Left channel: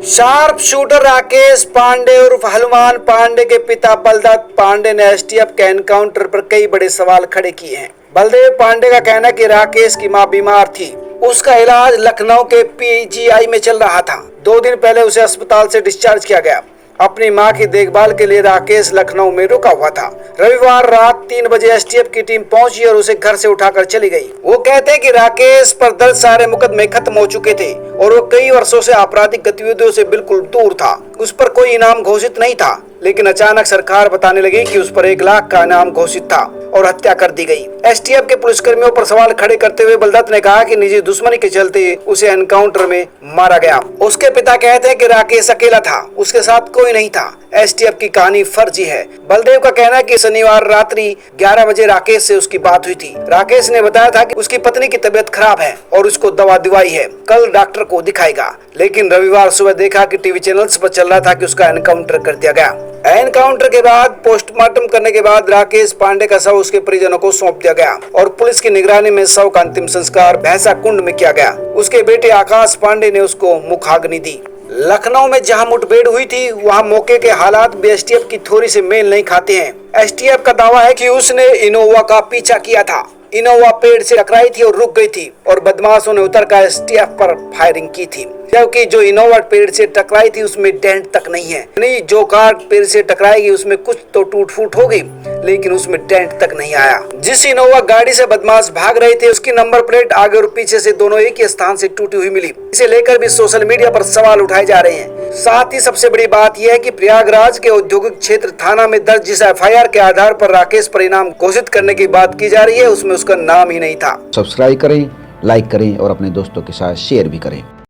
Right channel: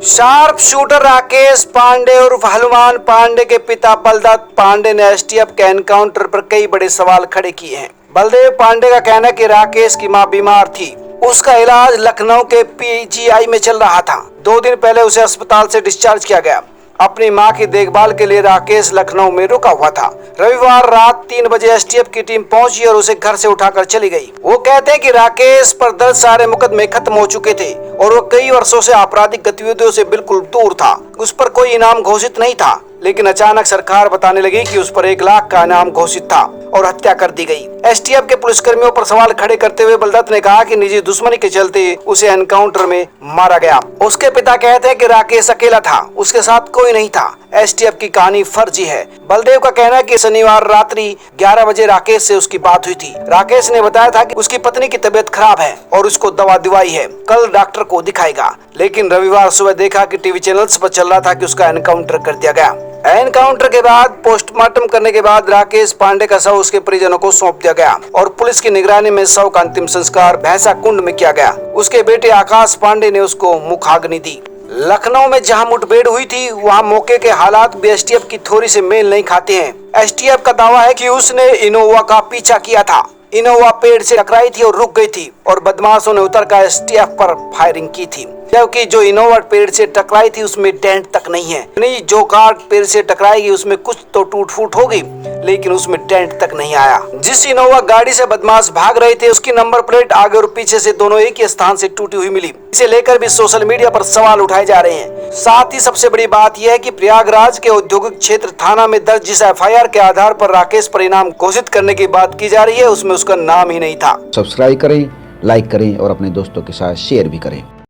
Sharp shooter Rakesh Pandey उर्फ हनुमान पांडे के पिता बलदत्त पांडे ने एसटीएफ के एनकाउंटर पर कई बड़े सवाल खड़े किए हैं। बलदेव पांडे का कहना है कि राकेश की मां बीमार थी, उसका इलाज लखनऊ के पीजीआई में चल रहा था। 2 दिन पहले उसे अस्पताल से डिस्चार्ज किया गया। अपनी मां की देखभाल के लिए राकेश लखनऊ में रुका हुआ था। रविवार रात 3 बजे एसटीएफ की टीम पहुंची और उसे घर से उठाकर चली गई। वो कहते हैं कि राकेश पर दर्ज सारे मुकदमे खत्म हो चुके थे और वो कई वर्षों से आपराधिक गतिविधियों से बिल्कुल दूर था। उस पर कोई इनाम घोषित नहीं था, लेकिन अचानक सरकार बताने लगी कि उस पर 1 लाख का इनाम घोषित था और हत्या कर दी गई। एसटीएफ के पुलिसकर्मियों पर सवाल खड़े करते हुए बलदत्त ने कहा कि निजी दुश्मनी के चलते उसे एनकाउंटर में मारा गया। उसके पिता कहते हैं कि राकेश अकेला था, उसके साथ कोई नहीं था। एसटीएफ की कहानी फर्जी है। बलदेव का कहना है कि शनिवार रात्रि 11 बजे राकेश से उसकी बात हुई थी। राकेश ने बताया था कि उसकी पत्नी की तबीयत खराब है और उसको दवा दिवाई है, कल डॉक्टर को दिखाएगा। लेकिन रविवार सुबह देखा कि टीवी चैनल्स पर चल रहा था कि उसका एनकाउंटर कर दिया गया। एनकाउंटर के बाद पोस्टमार्टम करने के बाद राकेश पांडे का शव उसके परिजनों को सौंप दिया गया और पुलिस की निगरानी में शव का अंतिम संस्कार भैंसा कुंड में किया गया। उसके बेटे आकाश पांडे ने उसको मुखाग्नि दी। लखनऊ में जहां मुठभेड़ हुई थी, वहां मौके के हालात भी एसटीएफ की थ्योरी से मेल नहीं खाते हैं। एसटीएफ का दावा है कि उसने इनोवा का पीछा किया था। इनोवा पेड़ से टकराई थी और रुक गई थी और बदमाशों ने उतरकर एसटीएफ पर फायरिंग की थी, जबकि जो इनोवा पेड़ से टकराई थी उसमें डेंट तक नहीं है। नहीं, जो कार पेड़ से टकराएगी उसमें कुछ तो टूट फूट होगी, लेकिन उसमें डेंट तक नहीं आया। जिस इनोवा गाड़ी से बदमाश भाग रहे थे उसकी नंबर प्लेट आगे और पीछे से दोनों एक ही स्थान से टूटी हुई मिली। इसे लेकर भी सोशल मीडिया पर सवाल उठाए जा रहे हैं। साथ ही सबसे बड़ी बात यह है कि प्रयागराज के औद्योगिक क्षेत्र थाना में दर्ज जिस एफआईआर के आधार पर राकेश पर इनाम घोषित करने की बात की जा रही है, उसमें उसका नाम ही नहीं था। सब्सक्राइब करें, लाइक करें और अपने दोस्तों के साथ शेयर भी करें।